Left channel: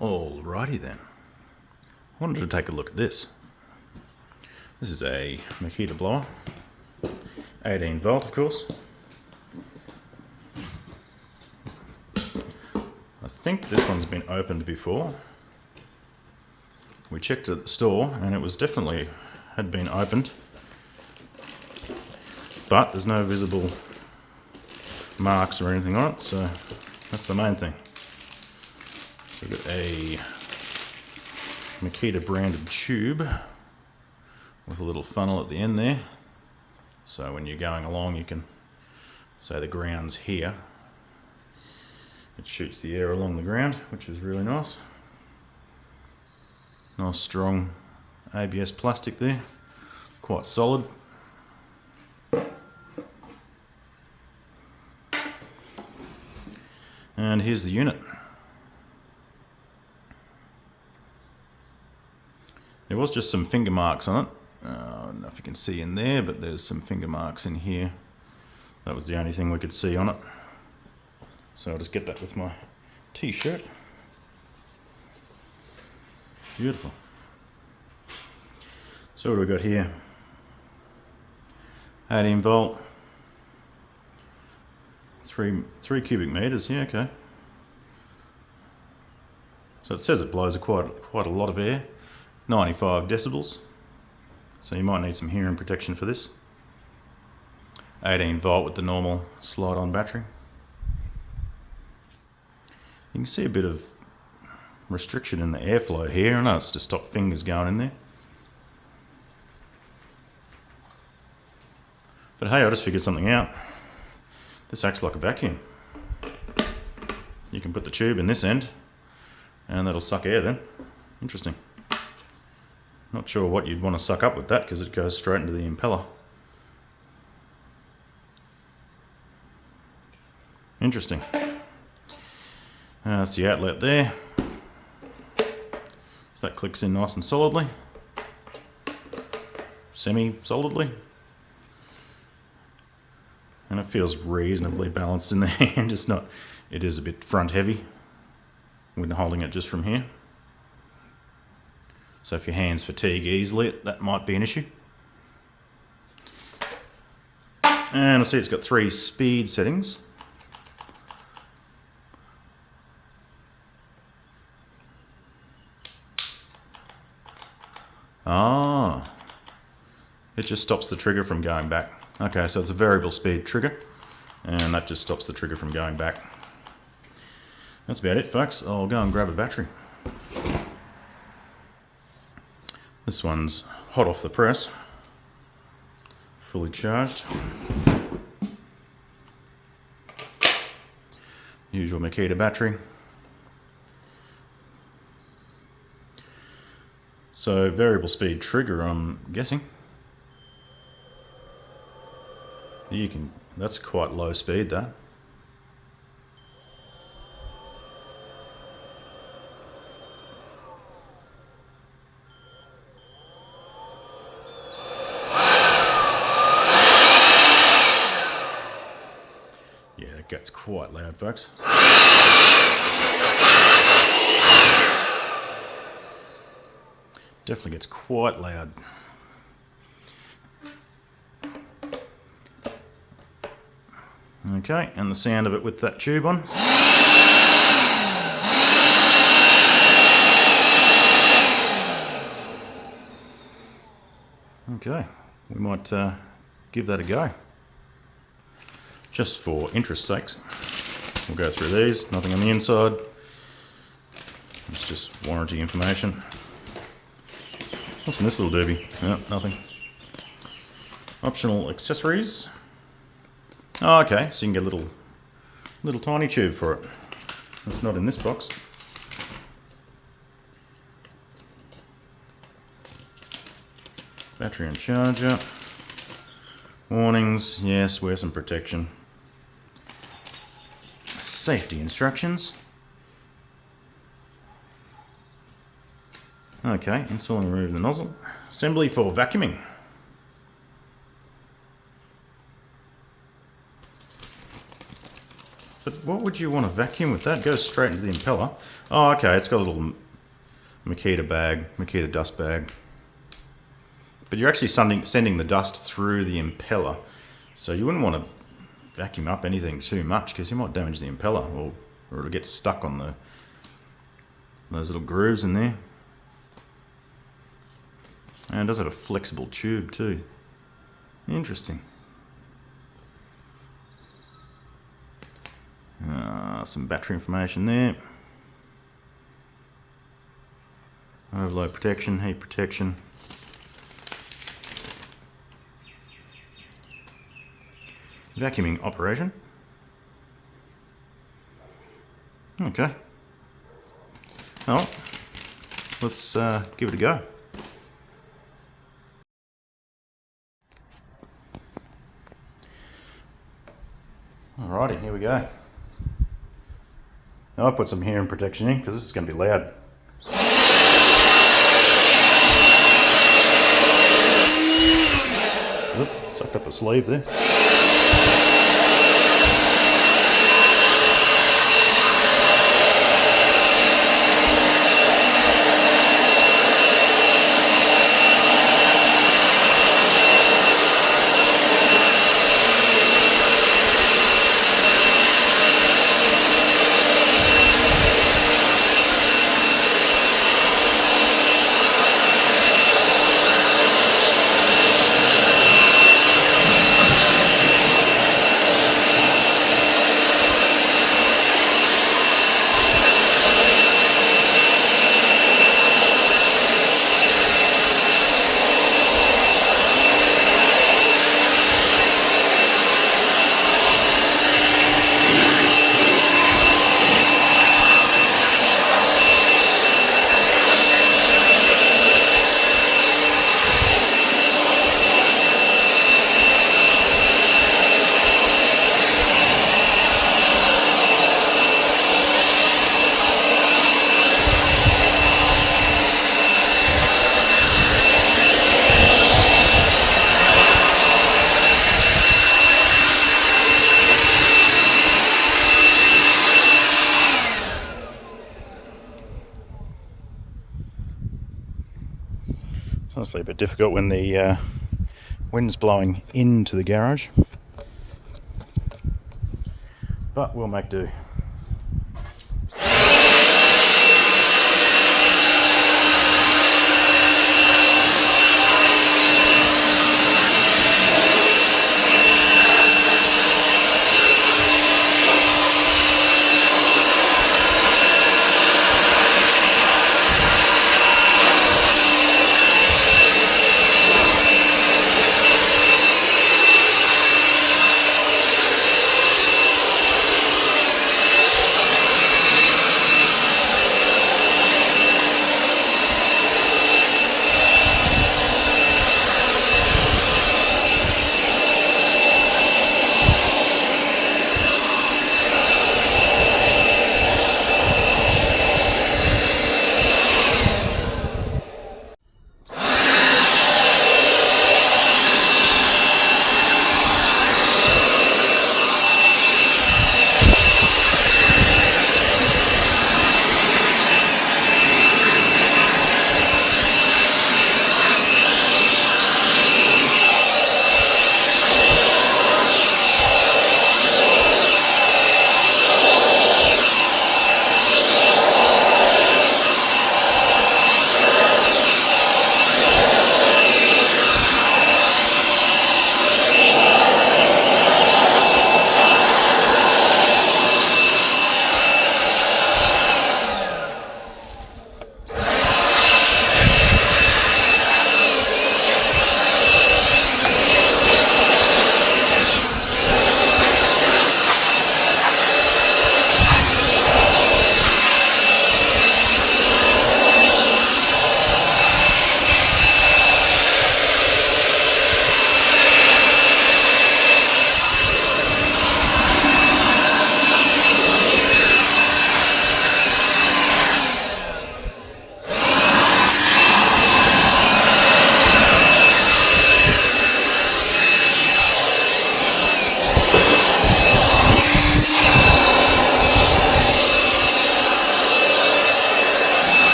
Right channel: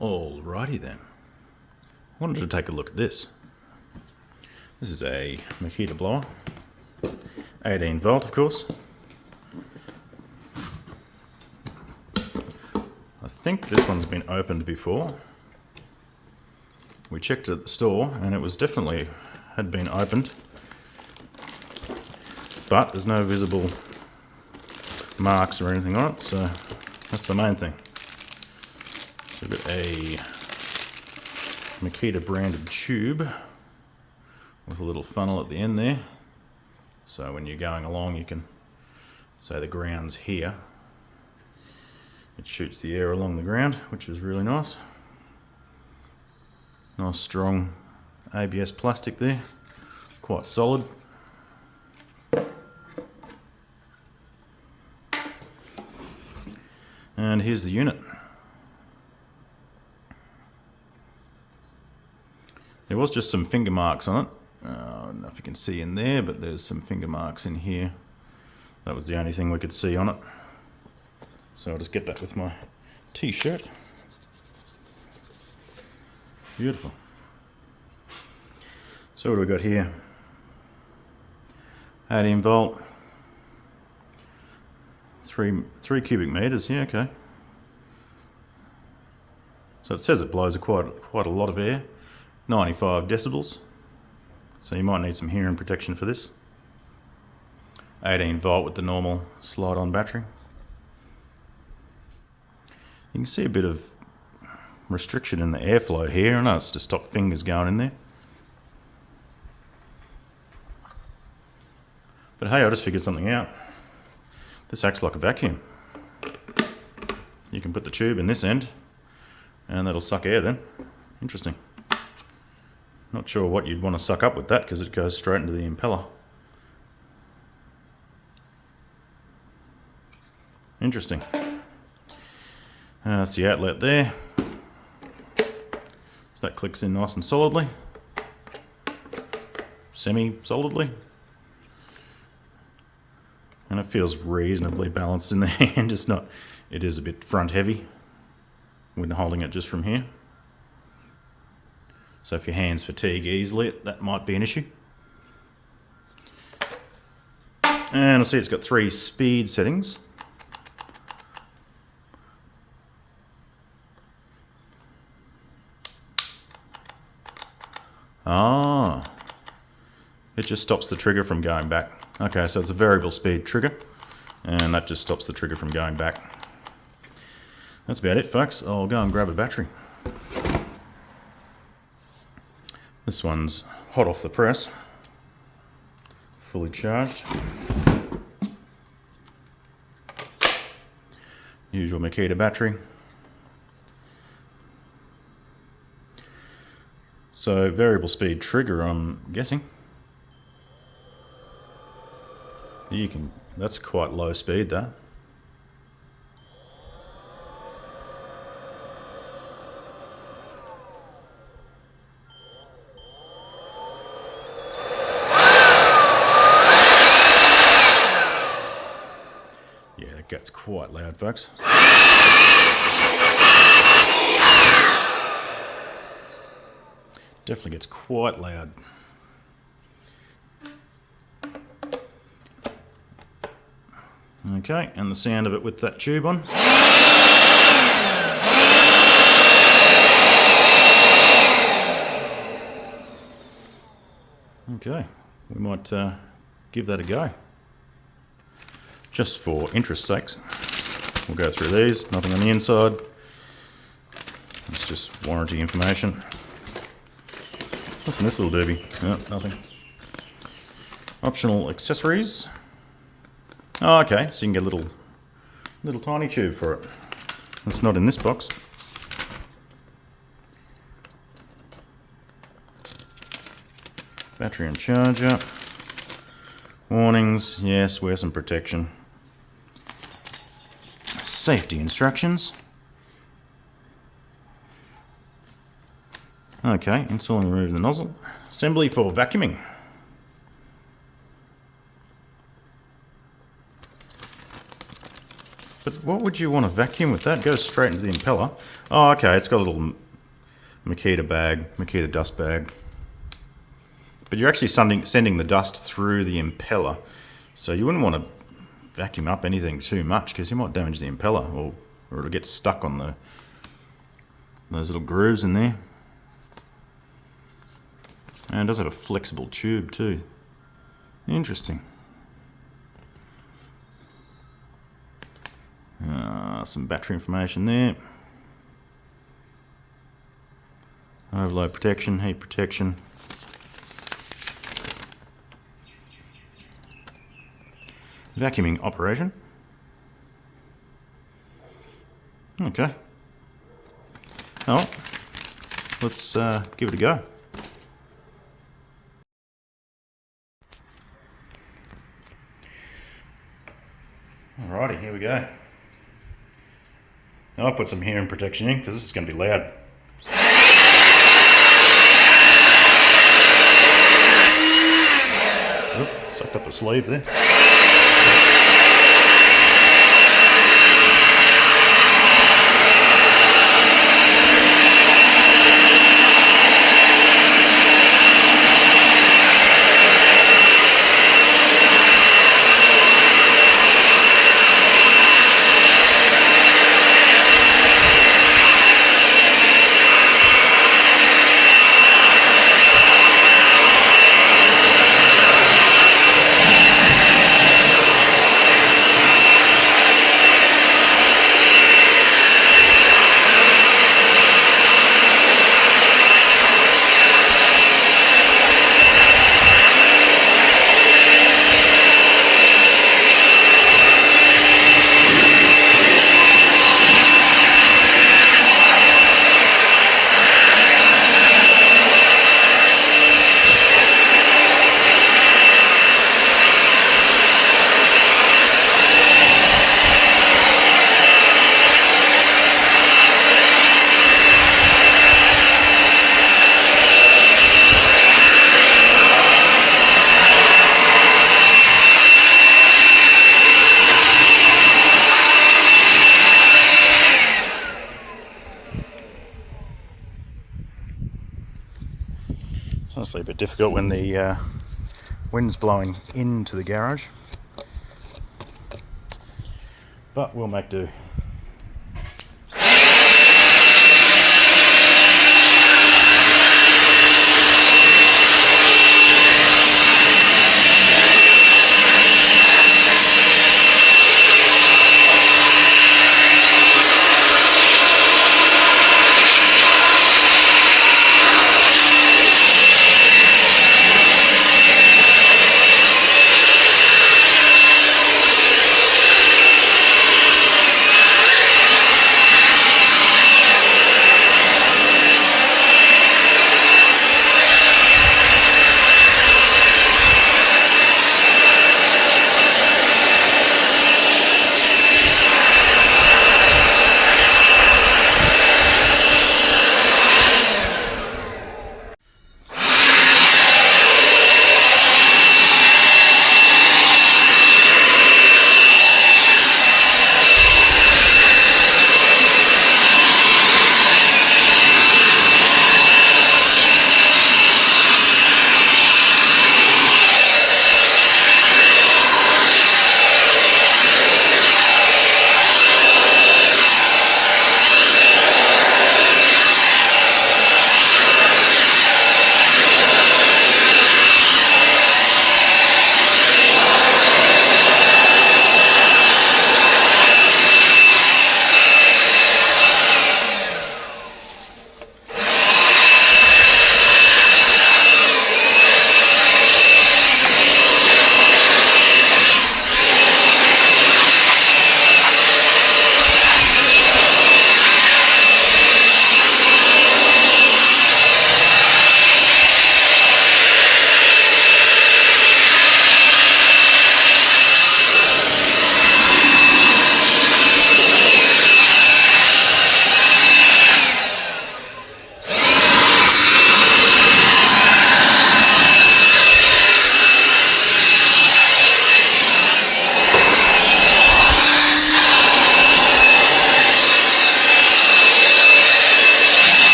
Alrighty then. I wanted to take a look at this. This is a Makita blower, 18 volt of course. I think this one's been opened before. We checked it at the store and it was definitely had been opened, but there's no visible marks or anything on it, so that's the main thing. So we've got a Makita branded tube with a little funnel at the end there, so when you're going along you can say the ground's here, it shoots the air along the ground, which is really nice. Nice strong ABS plastic there, quite solid. And here's the unit. There was just some finger marks on it. I don't know if you can see in there, but there's some finger marks in here. That was the only thing we could see on it. So I'll just get that with my t-shirt. Beautiful. So what do we got here? 18 volt, 3 cubic meters. Yeah, okay. So it says it blows quite a lot of air, 95 decibels. So you might need some hearing protection for this. 18 volt with the normal slide-on battery. You can see a bit of restriction in the airflow here. I know it's to stop fingers going in there. But hey, I just figured something out. This acts like a vacuum. You can put the tube in this end and that'll suck air then. Interesting. Not sure what you'd want to suck up with that because it goes straight into the impeller. Interesting. That's the outlet there. So that clicks in nice and solidly. Semi-solidly. And it feels reasonably balanced in the hand. It's not, it is a bit front heavy when holding it just from here. So if your hands fatigue easily, that might be an issue. And I see it's got 3 speed settings. Ah, it just stops the trigger from going back. Okay, so it's a variable speed trigger, and that just stops the trigger from going back. That's about it, folks. I'll go and grab a battery. This one's hot off the press, fully charged. Usual Makita battery. So variable speed trigger, I'm guessing. You can, that's quite low speed though. Yeah, that gets quite loud, folks. Definitely gets quite loud. Okay, and the sound of it with that tube on. Okay, we might give that a go. Just for interest's sakes. We'll go through these, nothing on the inside. It's just warranty information. What's in this little doobie? No, nothing. Optional accessories. Oh, okay, so you can get a little tiny tube for it. It's not in this box. Battery and charger. Warnings, yes, wear some protection. Safety instructions. Okay, install and remove the nozzle. Assembly for vacuuming. But what would you want to vacuum with that? It goes straight into the impeller. Oh, okay, it's got a little Makita bag, Makita dust bag. But you're actually sending the dust through the impeller. So you wouldn't want to vacuum up anything too much because you might damage the impeller, or it'll get stuck on those little grooves in there. And it does have a flexible tube too. Interesting. Some battery information there. Overload protection, heat protection. Vacuuming operation. Okay. Well, let's give it a go. Alrighty, here we go. Now I'll put some hearing protection in because this is going to be loud. Oop, sucked up a sleeve there. It's honestly a bit difficult when the wind's blowing into the garage, but we'll make do.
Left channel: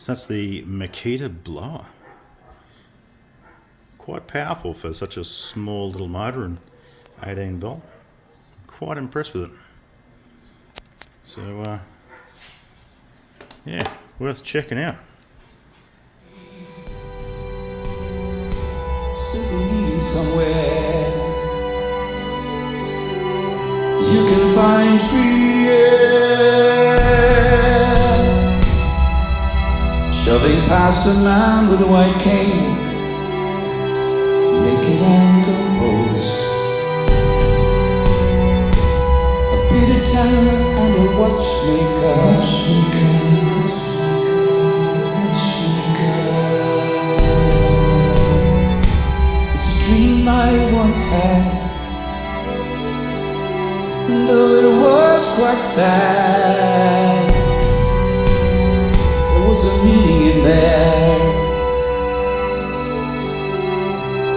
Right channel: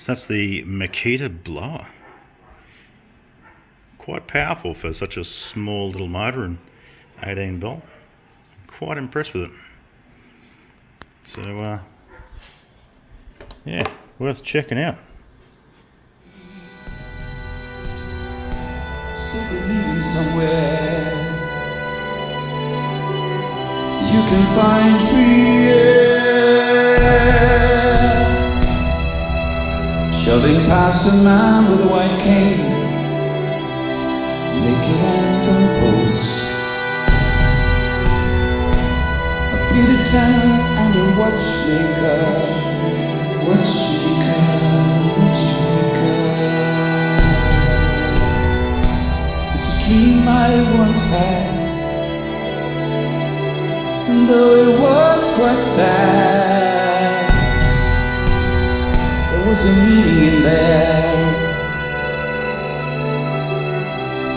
So that's the Makita blower. Quite powerful for such a small little motor and 18 volt. Quite impressed with it. So yeah, worth checking out. Still believing somewhere you can find free air, shoving past a man with a white cane, naked and composed, a bearded tanner and a watchmaker. It's a dream I once had, and though it was quite sad, there was a meaning in there.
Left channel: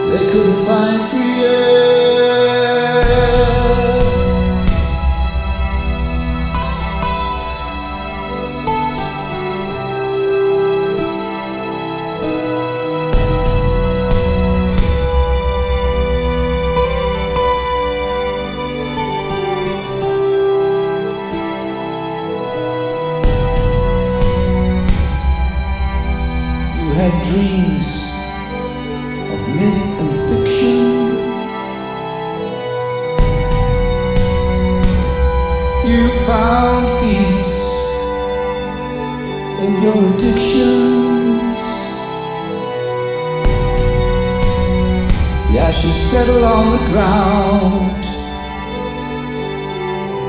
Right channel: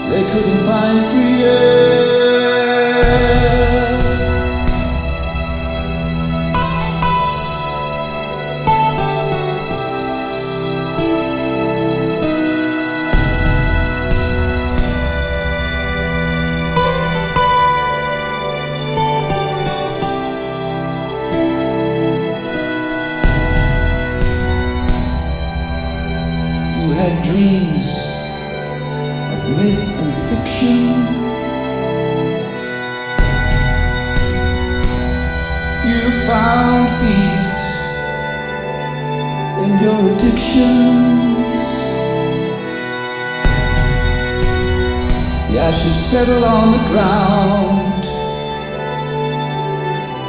They couldn't find free air. You had dreams of myth and fiction. You found peace in your addictions. The ashes settle on the ground.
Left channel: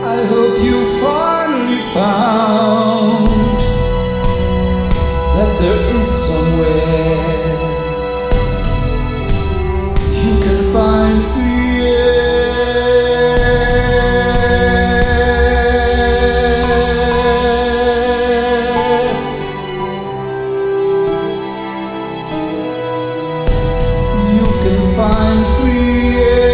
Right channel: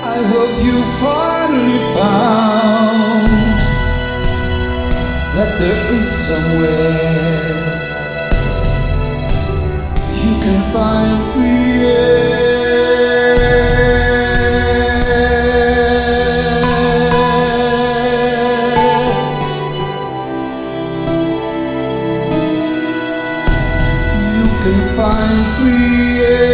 I hope you finally found that there is somewhere you can find free air. You can find free air.